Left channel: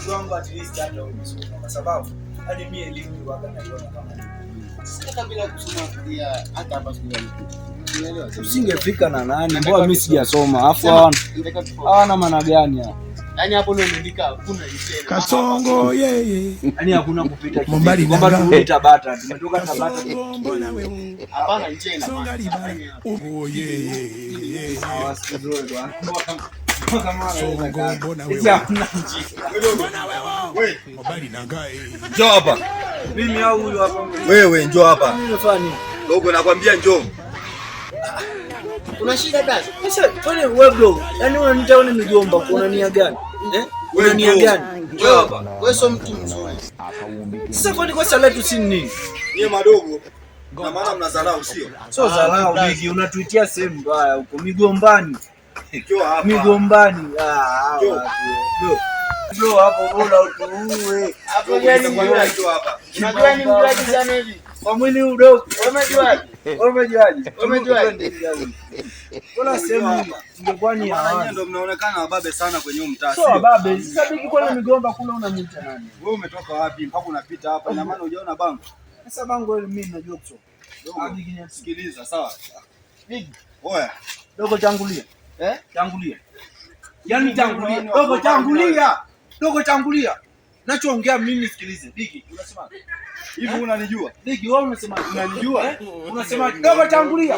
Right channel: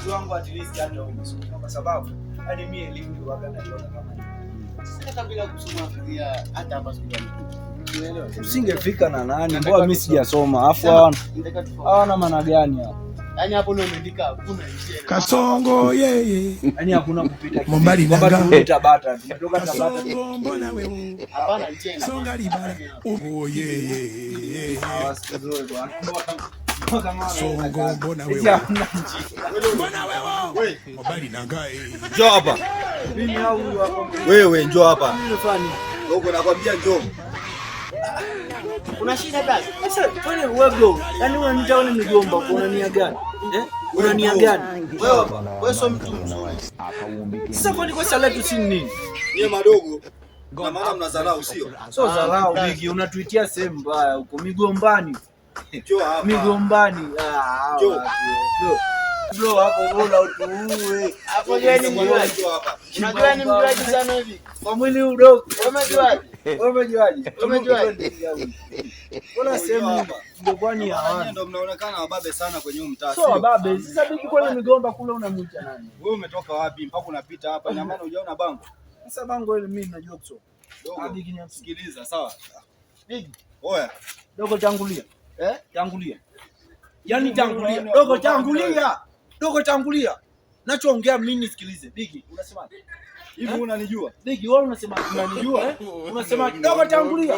mdogo wangu at least hata umesoma kwa sababu hadi mimi elimu ndio wanga naiona kama. Sasa kabla kusoma pia hata hapa usingefika na nani? Mbona mimi sijasoma? Afu hawana maana gani hapa? Yaani hapo ndio umeandika hakuna Kasongo yeye. Yaani hakuna kupita. Mbali nanga. Kupita bata. Tumetoka na bata. Kasongo mbona wewe? Hapana mchenga. Songa libara. Oh yeye. Kasongo mbona wewe? Mbona wewe? Mbali nanga. Njoo hapa. Mimi au huyo hapa. Wewe njoo hapa. Dogo nakwambia njoo. Una shida gani? Sasa pale wewe bro. Yaani unanitaona mjomba, unania gani? Wewe nia gani? Wewe sio mtu mzuri. Sasa kwani kwa sala tu si nini? Ni madogo. Na maana mnadharau sio? Sio dharau bigi, unatuitia sehemu mbaya huko migombani. Njoo hapa. Migombani. Bro hapo bora utuue. Hapo gani njoo hapa. Unajua ni mlaji sana hivi. Kwa mwili udogo. Umejuaje? Kuna sehemu ndio kwani hapa. Ndio mnaonekana wababe sana kwenye mtaa sio? Wababe. Sasa biki kwa migomba kule unamuita nani? Wewe umetoka wapi mpaka unapita hapa? Ina maana hujaona bango? Sasa bango ile mimi najua kusoma. Bigi nisikiliza sawa? Bigi. Oya. Dogo tangulia. Tangulia. Yaani tangulia. Dogo tangulia. Dogo tangulia. Nachoongea mimi nisikilize. Bigi, unasema hivi unanijua? Bigi, wewe unasema unanijua? Unasema dogo tangulia.